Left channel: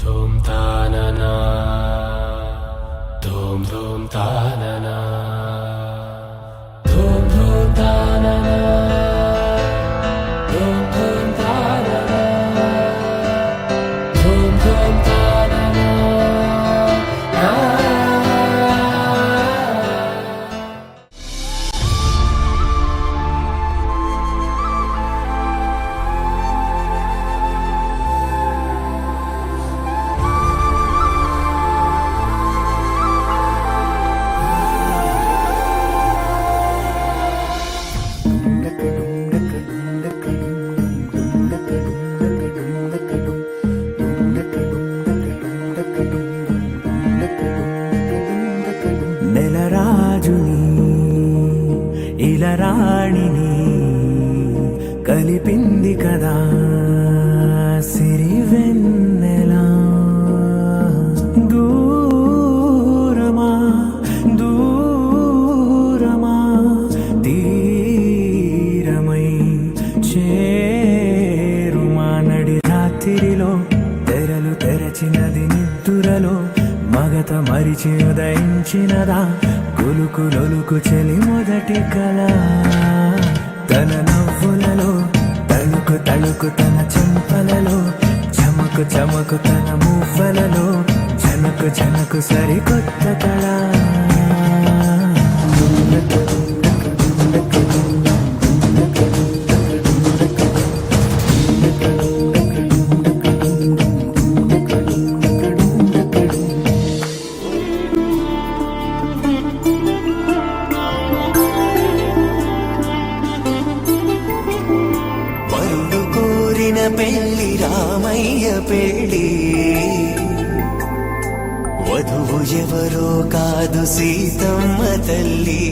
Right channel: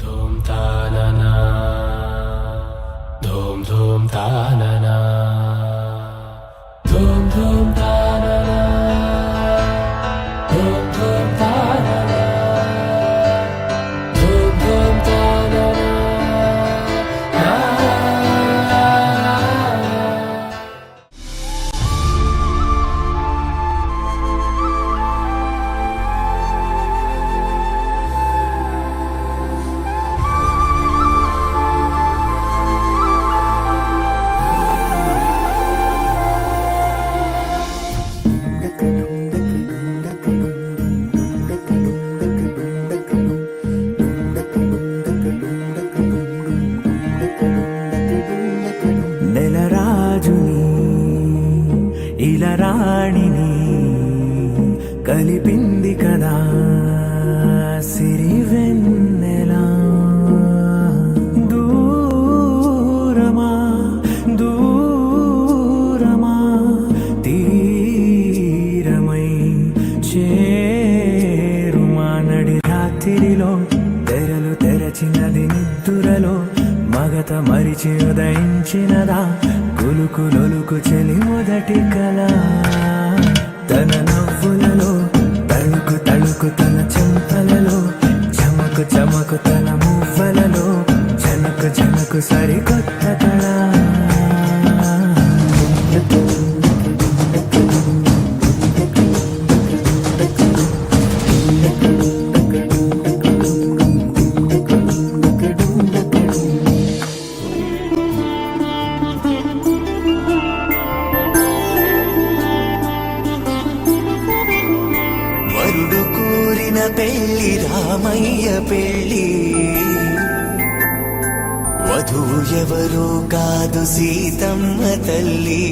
ధూమ్ తాననా ధూమ్ ధూమ్ తాననా ధూమ్ ధూమ్ తాననా ధూమ్ ధూమ్ తాననా ధూమ్ ధూమ్ తాననా నెలరాజుని ఇలరాణిని కలిపింది కదా సిరివెన్నెలా దూరమా దూరమా తీరమై చేరుమా నడి రాత్రిలో తెరలు తెరచినది నిద్దురలో మగత మరిచి ఉదయించినదా కులుకు లొలుకు చెలి మొదటి కళ తన నవ్వులలో తళుకు తళుకు తన చెంపలలో చమకు చమకు తన మువ్వలలో జనకు జనకు సరికొత్త కళ పెళ్లి రామయ్య పెళ్లి వధువు ఎవరో కాదు సీతమ్మ తల్లి